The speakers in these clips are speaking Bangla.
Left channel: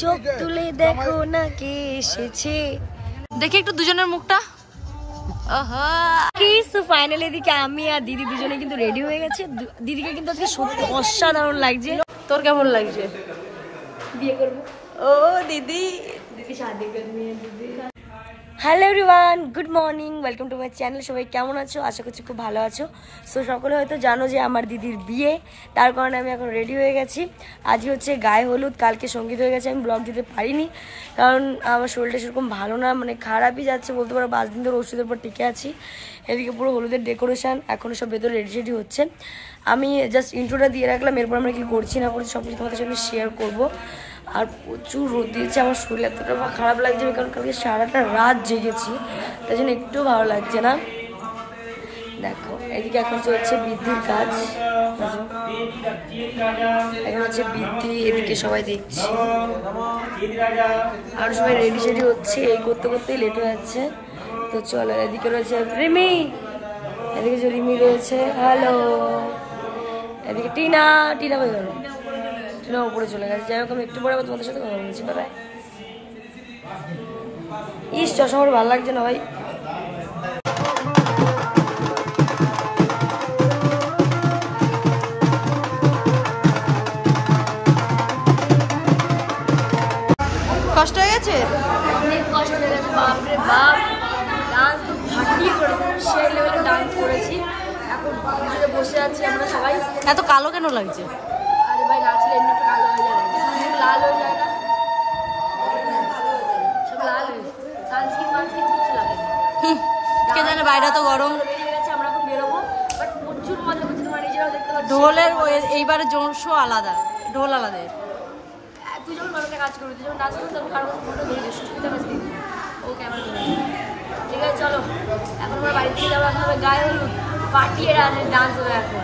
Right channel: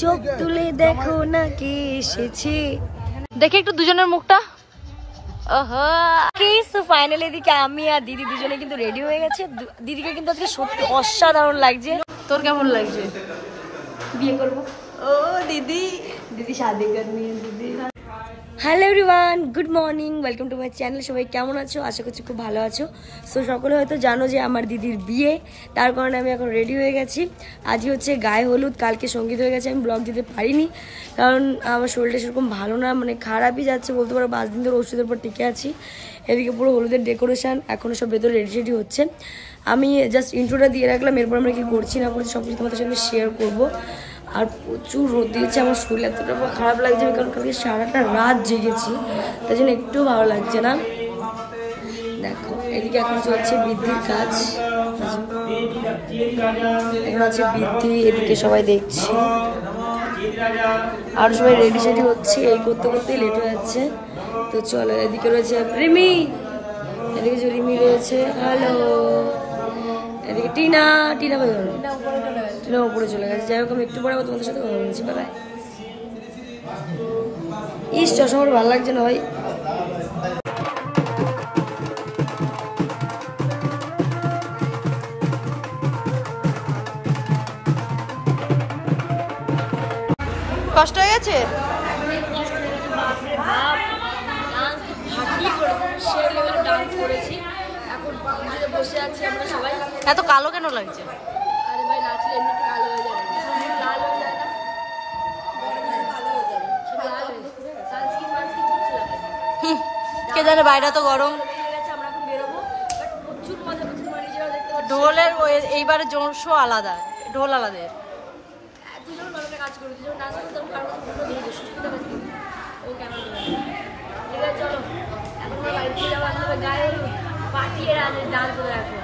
চোখ তুলে দেখো না কে এসেছে, দেখি একটু দুজনের মুখটা। ফাইনালি এদিকে আমি আর দিদি দুজনে কিন্তু রেডি হয়ে গেছে। দিদিকে কিন্তু আজকে সত্যি অসাধারণ লাগছে। তোর কেমন লাগছে? বিয়ে করবো। ও দিদি, দিদি শাদি করনি है দিদি। Hello everyone, good morning, welcome to my channel. সবাই কেমন আছো? আশা করছি খুব ভালো আছো। তো সকলে হয়তো জানো যে আমার দিদির বিয়ে, তার কারণে আমি এখন রেডি হয়ে গেছি। আজকে হচ্ছে গায়ে হলুদ, কালকে সঙ্গীত হয়ে গেছে। আমি ব্লগ দিতে পারিনি কারণ আমার শরীরটা সেরকম ভালো না, মানে খারাপই যাচ্ছে বলতে পারো। 5 দিন ধরে ওষুধের উপর টিকে আছি। এদিকে পুরো হলুদের ডেকোরেশন, এখনো সব ভেতরে রেডি হচ্ছে। আমি জাস্ট ইন্ট্রোটা দিয়ে রাখলাম, এরপর আমরা কি করছি না করছি সবকিছু তোমাদের সাথে শেয়ার করবো। আর প্রচুর রোদ দিয়েছে, আমার শরীর এতটা খারাপ লাগছে কারণ কালকে সারাটা রাত জেগেছি, তাই জন্য একটু ভালো লাগছে না। দেখো এদিকে এখন চলছে বৃদ্ধির কাজ, এখন আছে বৃদ্ধি, এদিকে সবাই দেখছি আর সবাই রেডি সেডি হচ্ছে। এই করতে করতেই লেট হয়ে যাচ্ছে। তো চলো, এদিকে রয়েছে রিমি, এদিকে যে রিমি রয়েছে, হ্যালো। এদিকে টিনা, টিনা ভাই গেল, টিনা উপরে চলে গেছে। যাই হোক, আমি একটু পরে আবার তোমাদের সাথে কথা বলছি। বাই। ইস, চশমা আমার ভালো লাগছে না ভাই। কষ্ট হয়ে গেছে, অনেক কষ্ট হয়ে গেছে, বাপরে বাপ। ডান্স ফাটিয়ে করেছি, সেই লেভেলে ডান্স করেছি। এখন পুজোতে বসে আছি আমরা সবাই। এত কালো কেন লাগছে? আরে ভাই, নাচলে এমনি একটু কালো হয়ে যাবে, লাল হয়ে যায় না, সব লাল হয়ে যায়। সানস্ক্রিন মানস্ক্রিন কিচ্ছু লাগে না। কে জানে, বাইরে তো গরম। আমরা এখন বেরোবো, বাট প্রচুর মজা করছি, তোমার নিজেরাও দেখতে পাচ্ছি। ঢোলের এইবারে জোর শো আলাদা, ঢোল আলাদা। তুই যখন মানুষের কাজ করবি, তুই যখন ডান্স করবি, তখন কারোর ফোনটা ধরে দিস, সুবিধা পাচ্ছি ও ক্যামেরা ধরে। ঠিক আছে চলো, এখন আমরা বাড়ি থেকে যাবো। এখন আমরা গায়ে হলুদ পাঠিয়ে ডান্স হবে এখন।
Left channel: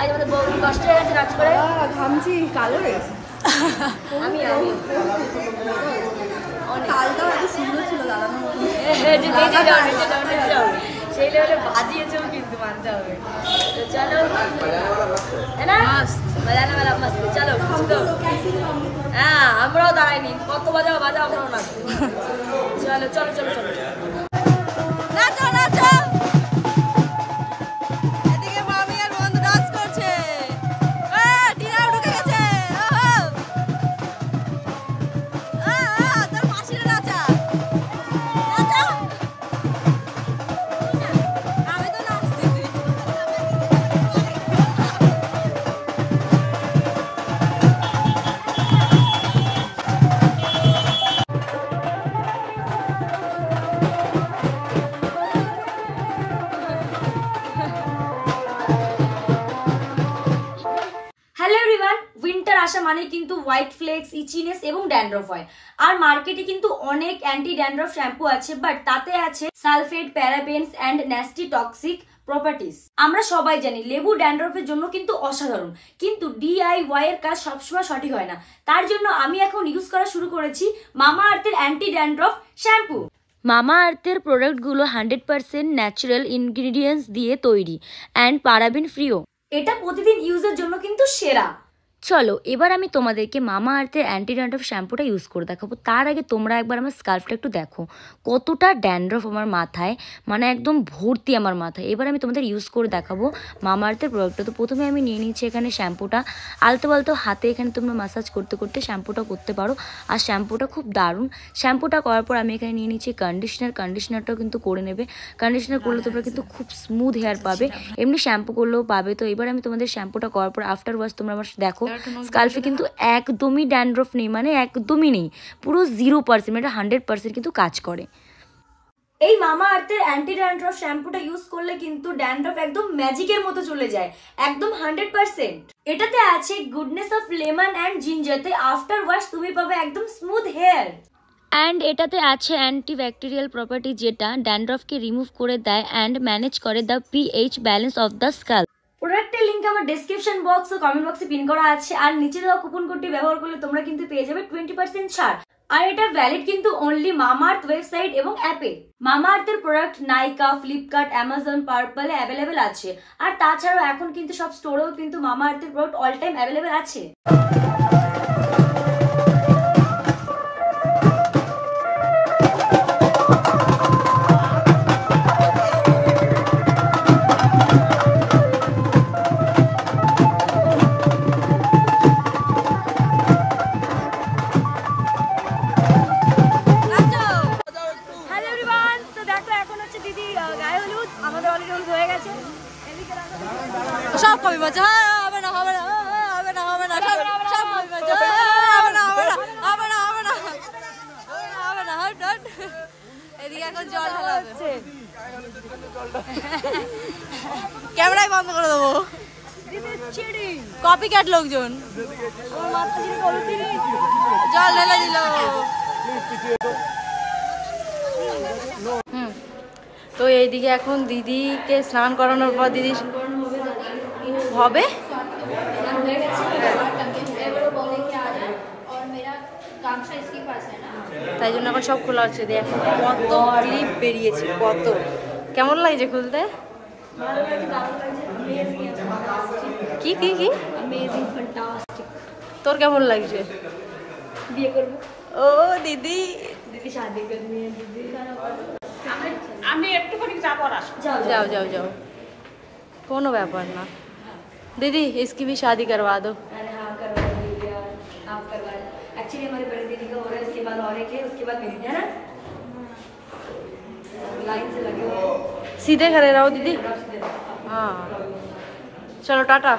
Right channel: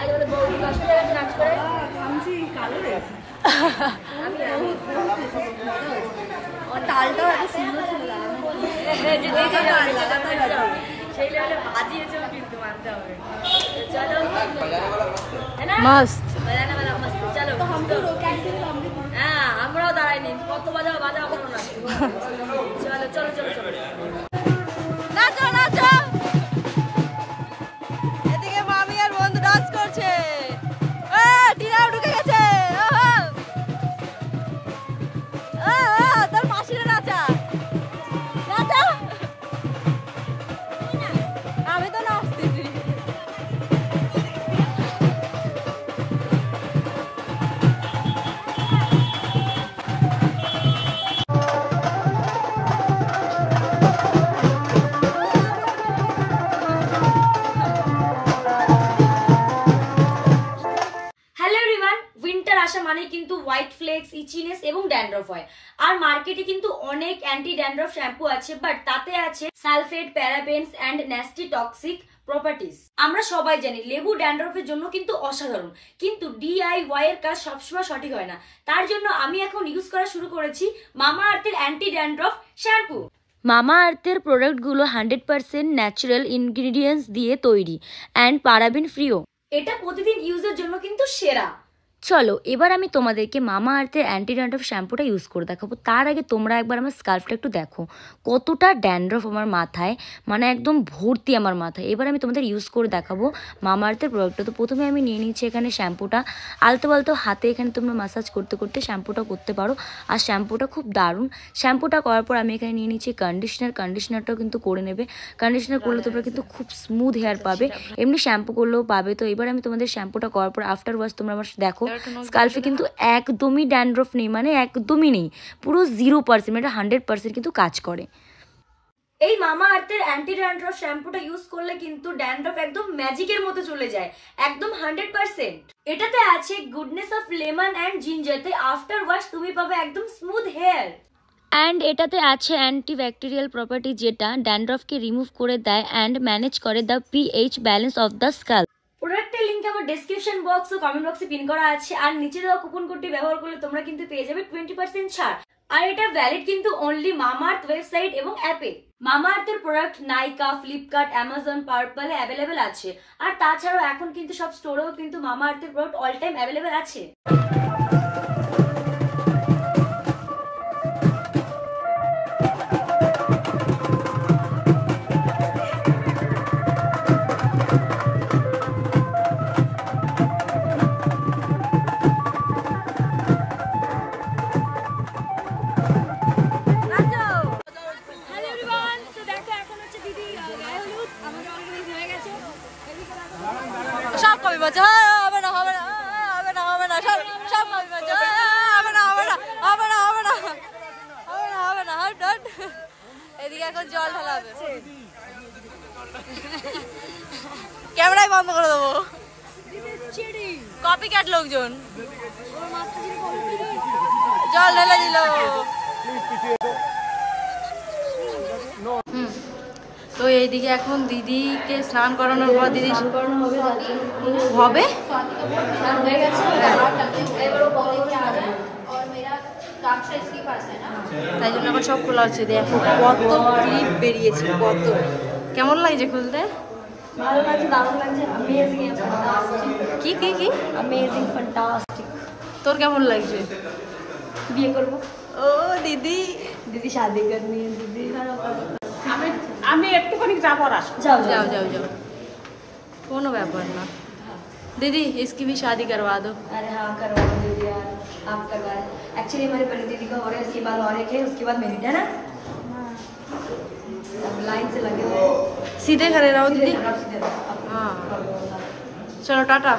আজ আমাদের বৌদি কষ্ট হয়ে গেছে নাচ করে, ঘামছি, কালো হয়েছে। তালটাও এত সুন্দর ছিল, সেই লেভেলে বাজিয়েছেও কিন্তু মানতে হবে। তো চলো, বাজানা বেলা মস্ত, চলো। হ্যাঁ, আমরাও দাঁড়াইনি, কত বাজাও বাজাও, আমরাও নাচবো। চলো চলো চলো চলো, নাচো নাচো। এদিকে মামি আর বন্ধু ডান্স করছে। টিনাও ঢুকে গেছে। তোর মাসিরা নাচা, নাচা। আমি তো নাচতেছি। উইন্টার আসা মানে কিন্তু হোয়াইট ফ্লেক্স, ইচিনেস এবং ড্যান্ড্রফ হয়। আর মার্কেটে কিন্তু অনেক অ্যান্টি ড্যান্ড্রফ শ্যাম্পু আছে, বাট তাতে আছে sulphate, parabens and nasty toxic properties. আমরা সবাই জানি লেবু ড্যান্ড্রফের জন্য কিন্তু অসাধারণ, কিন্তু DIY এর কাজ সবসময় সঠিক হয় না। তার জন্য আমি এখন ইউজ করা শুরু করেছি মামা আর্থের অ্যান্টি ড্যান্ড্রফ শ্যাম্পু। মামা আর্থের প্রোডাক্টগুলো 100% ন্যাচারাল ইনগ্রিডিয়েন্টস দিয়ে তৈরি অ্যান্ড প্যারাবেন ফ্রিও। এটা প্রতিদিন ইউজের জন্য কিন্তু সেরা। চলো এবার আমি তোমাদেরকে মামা আর্থের অ্যান্টি ড্যান্ড্রফ শ্যাম্পুটা ইউজ করে দেখাবো। তার আগে তোমরা একবার আমার স্কাল্পটা একটু দেখো, কতটা ড্যান্ড্রফ আমার মাথায়, মানে একদম ভর্তি আমার মাথায়। এবার আমি তোমাদের ইউজ করে দেখাবো মামা আর্থের প্রোডাক্টটা। তো প্রথমে আমি নিয়ে নিচ্ছি এখানে শ্যাম্পুটা, আলতো আলতো হাতে এখানে তোমরা ম্যাসাজ করতে করতে শ্যাম্পুটা করতে পারো। আর শ্যাম্পুটা খুব দারুণ। শ্যাম্পুটা করার পর আমি এখানে নিয়ে নিচ্ছি কন্ডিশনার। কন্ডিশনারটাও কিন্তু করে নেবে, কন্ডিশনার করলে তোমরা কিন্তু খুব স্মুথ হেয়ার পাবে, এমনি শ্যাম্পু করলেও পাবে। তো এবার আমি তোমাদের শ্যাম্পুটা করার পর আফটার ওয়াশ তোমরা আমার দেখো স্কাল্পে কিন্তু একদমই ড্যান্ড্রফ নেই, মানে একদমই নেই, পুরো 0%, এটা 100% কিন্তু কাজ করে। এই মামা আর্থের অ্যান্টি ড্যান্ড্রফ শ্যাম্পুটা ইউজ করলে কিন্তু ড্যান্ড্রফ একদম ম্যাজিকের মতো চলে যায়, একদম 100%। এটাতে আছে goodness of lemon and ginger, তাই আফটার ওয়াশ তুমি পাবে একদম স্মুথ হেয়ার। অ্যান্ড এটাতে আছে অ্যান্টিব্যাকটেরিয়াল প্রপার্টি, যেটা ড্যান্ড্রফকে রিমুভ করে দেয় অ্যান্ড ম্যানেজ করে the pH balance of the SCALP. প্রোডাক্টের লিঙ্ক আমার ডেসক্রিপশন বক্স ও কমেন্ট বক্সে পিন করা আছে। আর নিচে দেওয়া কুপন কোডটি ব্যবহার করলে তোমরা কিন্তু পেয়ে যাবে 20% ছাড়। আর এটা ভ্যালিড কিন্তু অনলি মামাআর্থ ওয়েবসাইট এবং অ্যাপে। মামাআর্থের প্রোডাক্ট নাইকা, ফ্লিপকার্ট, অ্যামাজন, পার্পলে অ্যাভেলেবেল আছে। আর তাছাড়াও এখন কিন্তু সব স্টোরেও কিন্তু মামাআর্থের প্রোডাক্ট অল টাইম অ্যাভেলেবেল আছে। গায়ে হলুদ আমাদের অলরেডি হলুদ হয়ে গেছে। সব কবি বলছে হবে না হবে না হবে না হবে না সব কবি বলছে হবে না হবে না হবে না হবে না হবে না হবে না। এদিকে এখন জল ঢালা হবে, ক্যামেরাই বন্ধ করে দেবো। কপি ক্যাট লোকজন জল ঢেলে দিল। তো এইদিকে এখন দিদিকে স্নান করানোর পর দিদি হবে তাই জন্য এখন সব খোলা হচ্ছে। দেখো কত ক্লিপ বেরিয়েছে, কত কেমন লাগছে খুলতে? কি কি কি তোর কেমন লাগছে? বিয়ে করবো। ও দিদি দিদি শাদি করনি है दीदी। আমি একটুখানি যাবো। যাও যাও যাও যাও, কোনো ব্যাপার না। दीदी इसकी भी शादी करवा दो। अरे हाँ करवा दो दीदी यार, आप करवा दो। एक्चुअली हमारे बड़ी दीदी का हो रहा है, उसके बाद और एक है, उसके बाद मेरी है ना, लाइन से लगे हुए हैं। सीधे खड़े रहो दीदी। हाँ चलो टाटा।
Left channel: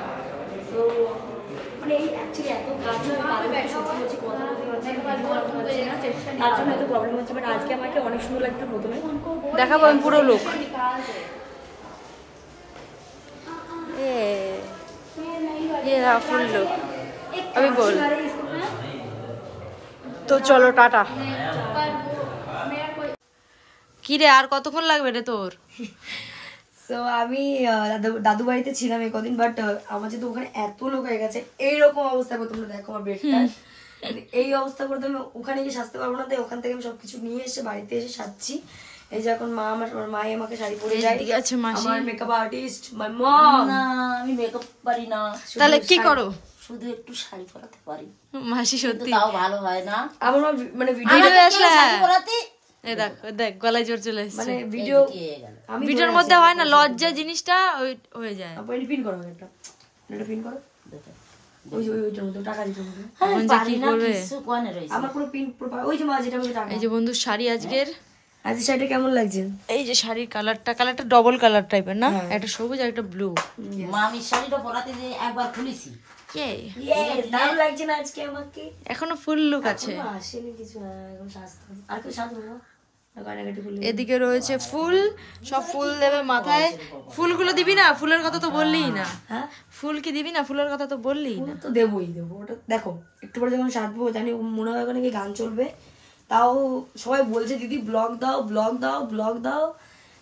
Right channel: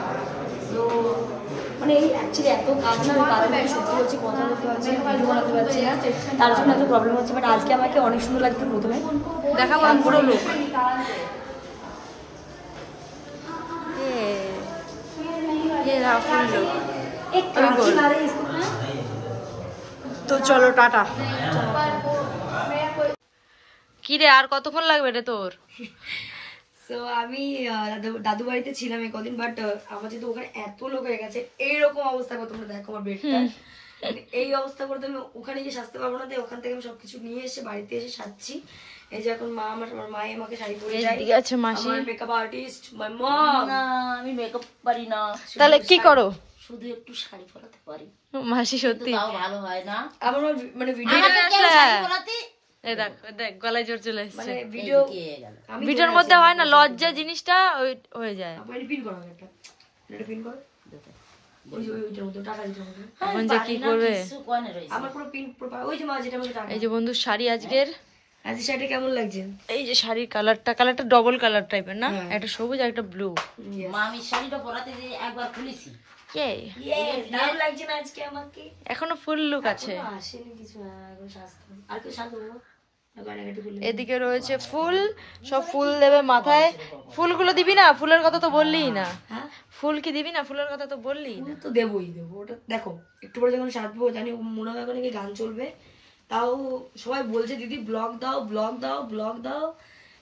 মানে এই অ্যাকচুয়ালি এত কাজ না কারণে সত্যি হচ্ছে কথা বলতে পারছি না, ভিডিও বানাতে পারছি না, তার জন্য এত প্রবলেম হচ্ছে। বাট আজকে আমাকে অনেক সুন্দর লাগছে। প্রথমে দেখাবো আমি পুরো লোক। ये रहा फुल लुक अभी बोल। तो चलो टाटा। কি রে আর কতক্ষণ লাগবে রে তোর? সো আমি দাদু বাড়িতে ছিলাম এই কদিন, বাট আমার যেহেতু ওখানে এত লোক হয়ে গেছে, এইরকম অবস্থা করে তোমরা দেখো আমার বেডটা, এই অবস্থা করে তো আমি ওখানে গিয়ে সাজতে পারবো না। তাই ওখান থেকে আমি সবকিছু নিয়ে এসে বাড়িতে এসে সাজছি। এই যে এখন মা আমার মায়ে আমাকে শাড়ি পরে দেয়। ঠিক আছে মাসি মেকআপ আর্টিস্ট মাই মম। না আমি মেকআপ পারি না, তাহলে কি করো? শুধু একটু শাড়ি পরাতে পারি। মাসি সত্যি তাও ভালো হয় না। আমার মানে ভিডিও আসলে শাড়ি পরাতে এই দেখ দেখ গলায় জোর চলে এসেছে। মানে ভিডিও আমি ভিডিওর মধ্যে হয় না, লজ্জা জিনিসটা হয়ে যায়। আপনি পিন করো একটা, এটা পিন করো। ওই যে ওইটার মধ্যে টাকা দিতে হবে। এখন যে কি করবে? আমার পুরো পিন ওই যে মা যেটা মধ্যে টাকা। এই যে বন্ধু শাড়ি আজকের, আজ শাড়িটা কেমন লাগছে? এই যে শাড়ির কালারটা ডবল কালার টাইপের না, একটা সবুজ আর একটা ব্লু। মা আমি শাড়িটা পরাতে যে একবার খুলেছি। কে দাম লাগছে না আজকে আমাকে? এখনো ফুল লুক আছে। আসেনি কিছু, এখন সাজতে আর কি সাজবো। এদিকে রয়েছে ফুল, সব ফুল দেবে মাথায়। ফুলগুলো দিবি না? ফুলের কথা তো বললিই না। হ্যাঁ ফুল কি দিবি না? ফুলের কথা তো বললিই না। তো দেবই দেবো, ওটা দেখো একটু পরে যখন সাজবো জানি মনে হয় ওখানে গান চলবে। তাও সবাই বলছে দিদি ব্লগ দাও ব্লগ দাও ব্লগ দাও,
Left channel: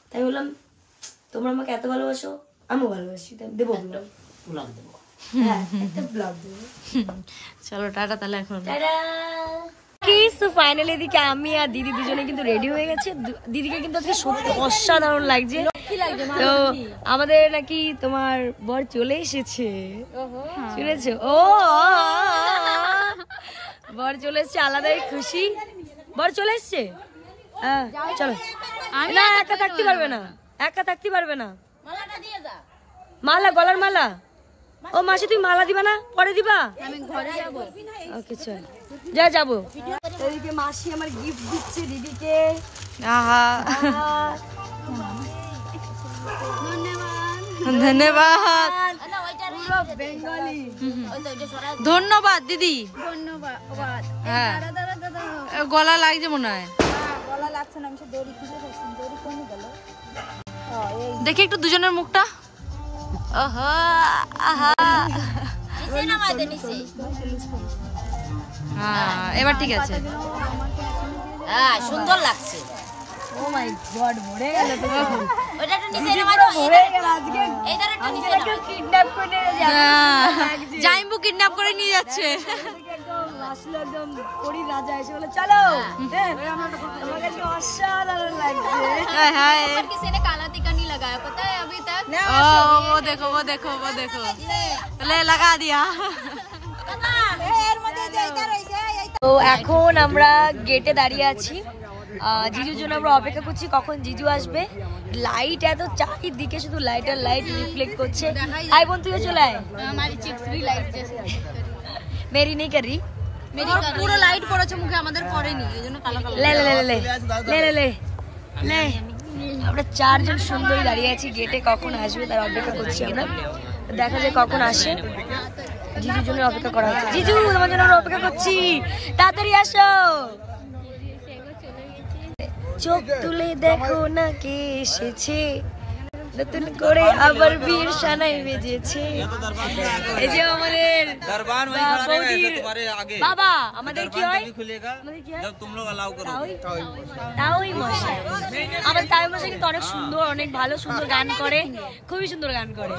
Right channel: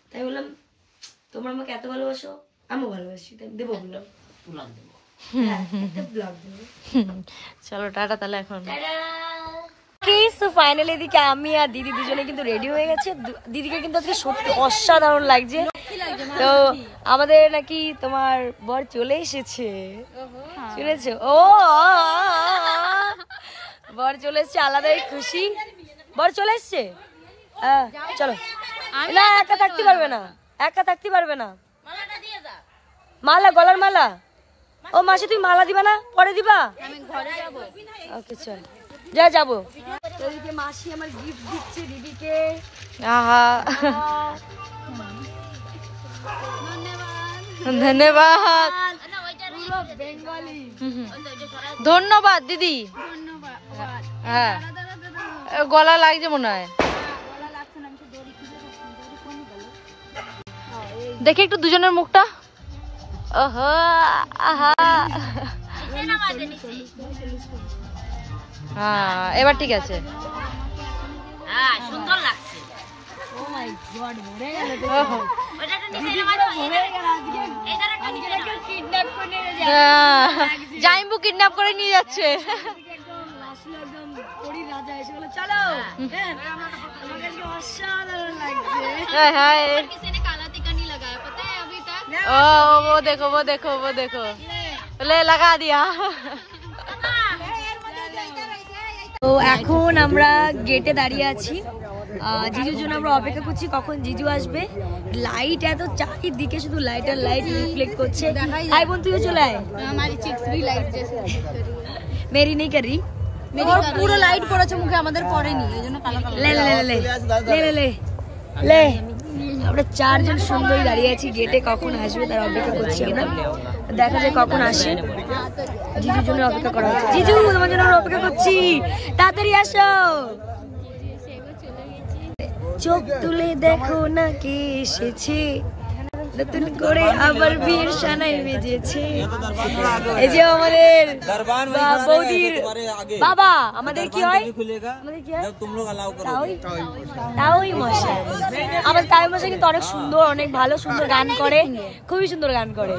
তাই বললাম তোমরা আমাকে এত ভালোবাসো, আমিও ভালোবাসি, তাই দেবো ব্লগ। ব্লগ দেবো, ব্লগ দেবো। চলো টাটা তাহলে এখন। ফাইনালি এদিকে আমি আর দিদি দুজনে কিন্তু রেডি হয়ে গেছে। দিদিকে কিন্তু আজকে সত্যি অসাধারণ লাগছে। তো আমাদের নাকি তোমার বর চলে এসেছে, শুনেছো? ও বর চলে এসছে, আলাদাই খুশি। বর চলে এসছে, চলো। না একা থাকতে পারবে না, একা থাকতে পারবে না। মালা, গলার মালা। ও মাসি তুমি মালা দিবা না? পরে দিবা? আমি ঘরে যাবো। ওকে চল যা যাবো। এদিকে মাসি আমার গিফট দিচ্ছে দিদিকে। আহা ধন্যবাদ ধন্যবাদ দিদি। হ্যাঁ গলা লাগছে মনে হয়, দেখি একটু দুজনের মুখটা। ওহো আহা হ্যাঁ এবার ঠিক আছে। হ্যাঁ সুন্দর লাগছে। ও মাই গড ভরে গেল তো। ওটা তো নিচে দিদি পুরো ভরে গেল আজকে। এইদার একটু নিচে কেউ কিডন্যাপ করে নিয়ে যাচ্ছে। জাইম্বু কিডন্যাপ করে নিয়ে যাচ্ছে। একদম আসলে একদম পরি রাজা এসে বলে চলো। আমাকে আজকে অসাধারণ লাগছে। हाय हाय किसी ने काला टिक्का नहीं लगाया पता है अभी तक। ओ वो देखो वो देखो वो देखो ले लगा दिया। তো এখন আমরা গেটে দাঁড়িয়ে আছি, জিজুর জন্য আমরা অপেক্ষা করছি কখন জিজু আসবে। লাইট এত চারিদিকে, শুধু লাইট আর লাইট রিফ্লেক্ট করছে। আই বোন তুইও চলে আয়। हमारी चिक्स भी लाइट जैसे মেরি নেই করি, मेरी पूरा लाइट পড়েছে মুখে, আমাদের পড়েনি, এইজন্য কালো কালো। ले ले ले ले ले ले ले আমরা 4 জন সুন্দরী দাঁড়িয়ে আছি গেটে, কখন আসবে তার অপেক্ষা করছি আমরা। দেখা যায় কখন আসে। জিজুর জন্য অপেক্ষা করা হচ্ছে। জিজু তোমার জন্য আমরা অপেক্ষা করছি, তাড়াতাড়ি আসো। চোখ তুলে দেখো না কে এসেছে, নতুন করে আবার বিয়ের সানাই বেজেছে। এই যে আমাদের বাবা, আমাদের কি হয়, তাওই মশাই। আমাদের তাওই মশাই কিন্তু অনেক সুন্দর, অনেক ভালো, সুন্দর গান করে, খুবই সুন্দর গান করে।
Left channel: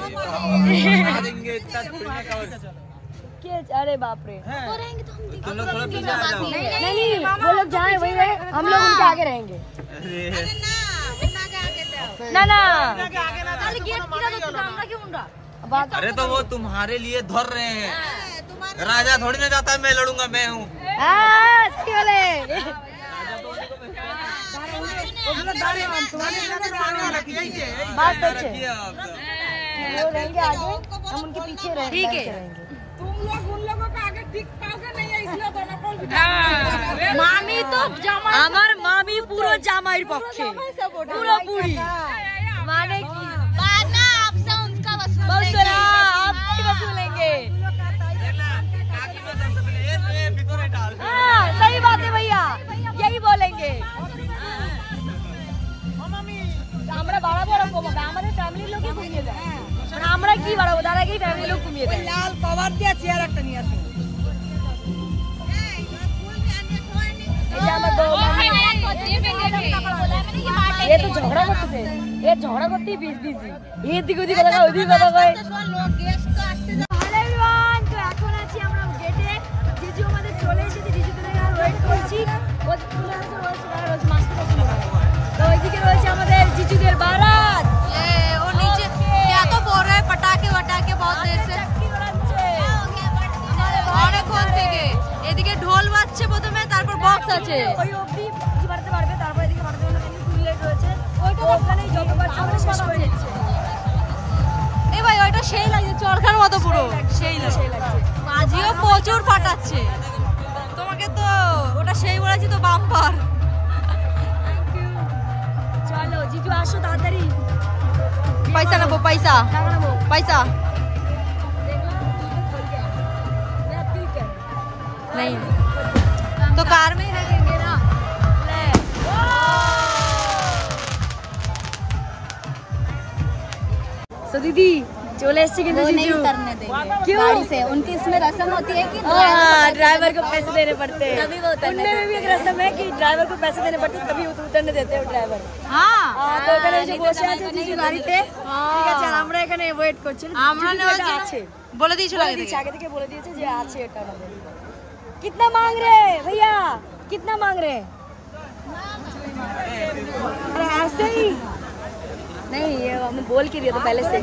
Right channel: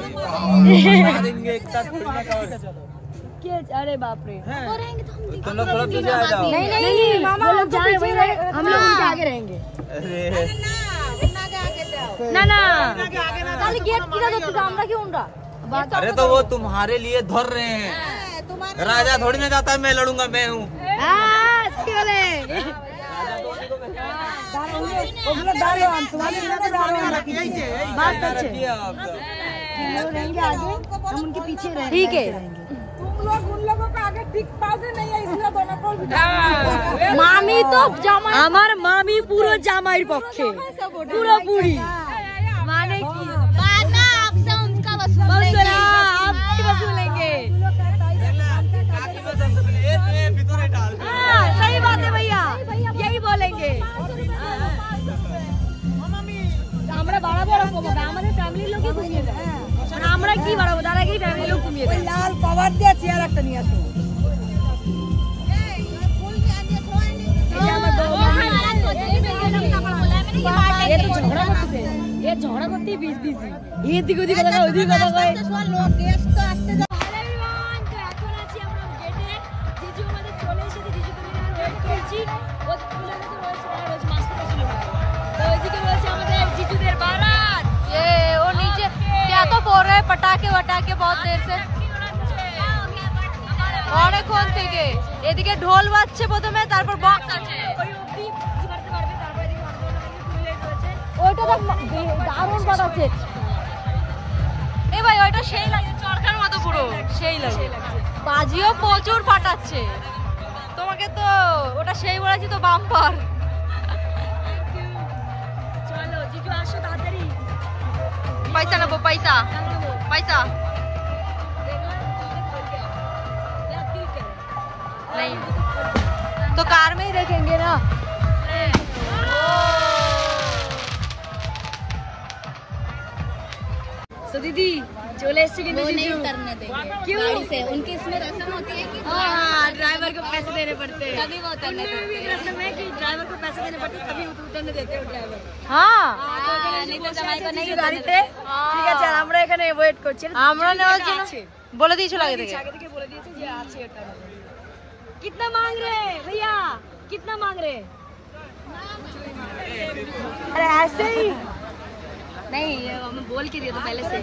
अरे बाप रे, हम लोग आगे रहेंगे। ना ना, अरे तो वो तुम्हारे लिए धर रहे हैं, राजा थोड़ी ना जाता है मैं लड़ूंगा, मैं हूँ। बात अच्छे, वो रहेंगे आगे, हम उनके पीछे रहेंगे। ठीक है, तुम लोग उन लोगों को आगे टिक पाओगे नहीं, इसलिए दोनों को मामी तो আমার মামি পুরো জামাইর পক্ষে, পুরো পুরি মানে কি बाद में आपसे उनका वसूला, आपसे वसूलेंगे। हाँ, सही बात है भैया, यही बोलेंगे। আমরা বাড়াবো ওরকম হবে, আমাদের ফ্যামিলির লোকই ঘুমিয়ে দেয়, মানে আমরা কি বাড়াবো, তার আগেই ফ্যামিলির লোক ঘুমিয়ে দেয়। লাল পাওয়ার দিয়ে চেয়ার একটা নিয়ে আসো। ये झगड़ा करती है बीच बीच में, ये दिख उदिक কথা কয়, ওদিক কথা কয়। হ্যালো এভরিওয়ান, তো এখন আছি আমরা গেটে। জিজু আমাদের চলে এসেছে, জিজুদের আর ওয়েট করছি। ও চলে আসছে, রয়েছে মাস্টার কাছে মনে হয়। তো ওইদিকে রয়েছে আমাদের জিজুদের বারাত। ये वो नीचे क्या तो बोल रहे हैं, पटाखे वटाखे बहुत देर से অনেকক্ষণ থেকে। এদিকে ঢোল বাজছে প্রথমে, তারপর বক্স আছে। ওই অবধি কিছু বাড়তে পারবে, তারপর এদিকে বাড়তে টুইলেট রয়েছে, ওখানেই যতবার আমরা শেষ হয়ে যাচ্ছে। এ ভাই ওইটা সেই লাগছে, চরকার মতো পুরো সেই লাগছে। বাজিও প্রচুর ফাটাচ্ছে, তোমাকে তো ওটা সেই বলেছি তো, বাম্পার। চলো জিজু আসো তাড়াতাড়ি, पैसा ना वो पैसा पैसा नहीं तो कार में ही देखेंगे ना। तो दीदी चले एसছে কিন্তু वो नहीं उतरने देंगे क्यों? गाड़ी से। उनकी इसमें रस्म होती है कि ड्राइवर को पैसे देने पड़ते हैं, तभी वो उतरने देते हैं। रस्म है कि ड्राइवर को पैसे देने पड़ते हैं, तभी उतरने देते हैं ड्राइवर। हाँ তো এখানে যে বসে আছে দিদি গাড়িতে, ঠিক আছে আমরা এখানে ওয়েট করছি। আমরা নেওয়ার জন্য বলে দিয়েছিল আগে থেকে, আগে থেকে বলে দিয়েছে যে আছে এটা আমাদের। कितना मांग रहे हैं भैया, कितना मांग रहे हैं? अरे ऐसे ही नहीं, ये हमें बोल के दिया तो पहले से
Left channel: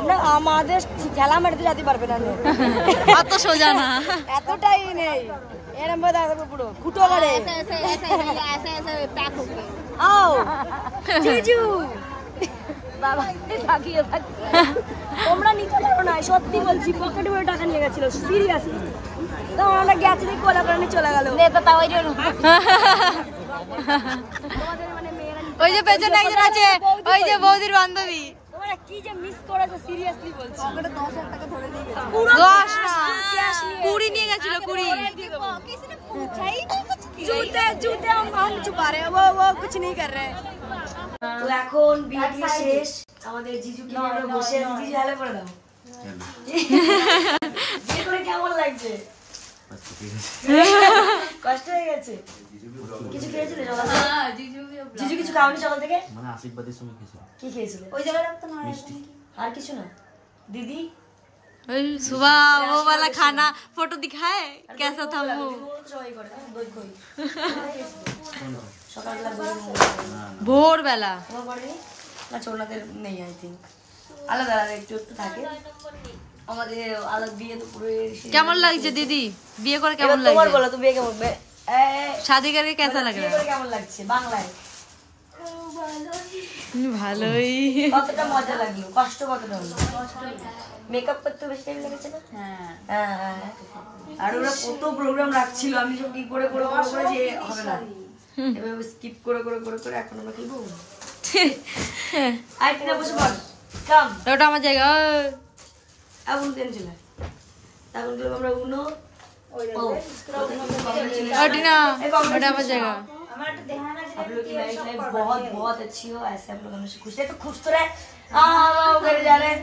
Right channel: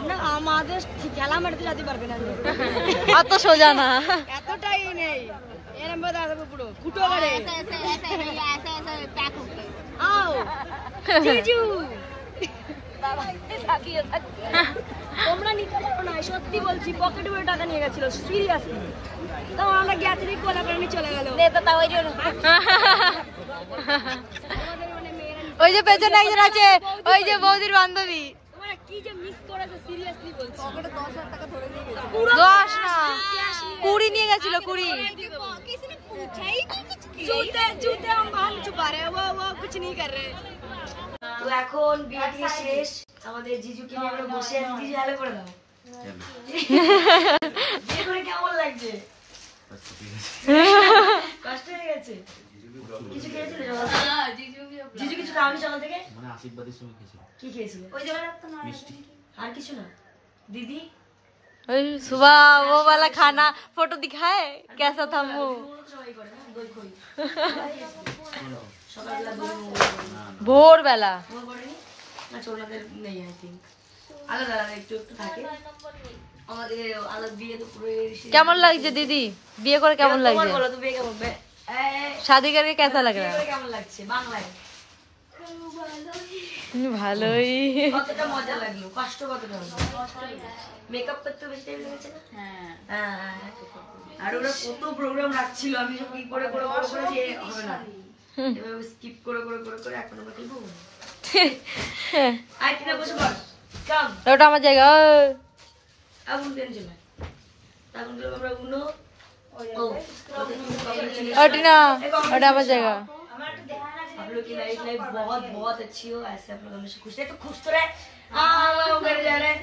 আমরা আমাদের খেলা মারতে যেতে পারবে না, অত সোজা না, এতটাই নেই এরম ভাবে দাঁড়াবো পুরো খুঁটো করে। ऐसे ऐसे ऐसे भैया ऐसे ऐसे पैक होके आओ জিজু, তোমরা নিতে পারো না, সত্যি বলছি, পকেটে করে টাকা নিয়ে গেছিল সিরিয়াসলি। তো আমরা গেছি দেখি কোলা করে নিয়ে চলে গেল। তোমাদের মানে মেয়েরা ওই যে পেছনে একজন আছে, ওই যে বৌদির বান্ধবী, তোমরা কি যে মিস করেছো সিরিয়াসলি বলছি। পকেটে 10,000 টাকা ধরে নিয়ে গেছে, 10 না 20 নিয়ে গেছিল, 20। किसी ने पूछा ही नहीं कुछ জুতে জুতে हम छुपा रहे हैं, वो कुछ नहीं कर रहे। তো এখন বিয়ে দিয়ে শেষ, আমাদের জিজু কি আমরা বসে আছি। জিজু হ্যালো করে দাও। বিয়ে করে কেমন লাগছে? কষ্ট হয়ে গেছে? কিছু খেয়েছিলে সকাল থেকে? জিজু কিছু খাওনি সকাল থেকে? মানে আশীর্বাদের সময় খেয়েছি। কি খেয়েছিলে? ওই জায়গা রাখতে না মিষ্টি। আর কিছু না? দিদি ওই सुबह वो वाला खाना फोटो दिखाए कैसा था मुंह, সবাই করে না, দই কই সকালবেলা দই ভোর বেলা। তোমার পড়েনি না? ওনাদের নেই আই থিঙ্ক, আলাদা আলাদা একটু একটু থাকে। আমাদের আলাদা বিয়ে তো পুরো কেমন লাগছে দিদি, বিয়ে করে কেমন লাগছে? বলো তো বিয়ে কেমন, शादी करके कैसा लग रहा है? কেমন লাগছে বাংলায়? ভালোই। কতটা মজা লাগলো, কষ্ট কতটা হলো? মেকআপ করতে বেশি টাইম লেগেছে না? হ্যাঁ। আর ওরা কত প্রোগ্রাম রাখছিল, আমি সব কি করে করে করে করে যে হবে না, এবার স্কিপ করে করে করে করে এখন আমরা খেলবো। আই টিনা বসে পড় কাম ওটা আমার জায়গা আগুন টেনশন না আগুন দিলে আমরা উনো ও টিনা ওটা আমার জায়গা आप लोग की मैरिज लाइफ बहुत बहुत अच्छी हो ऐसे आप लोग हमेशा खुश रहे तो खुश तो रहे मेरे जा रहे हैं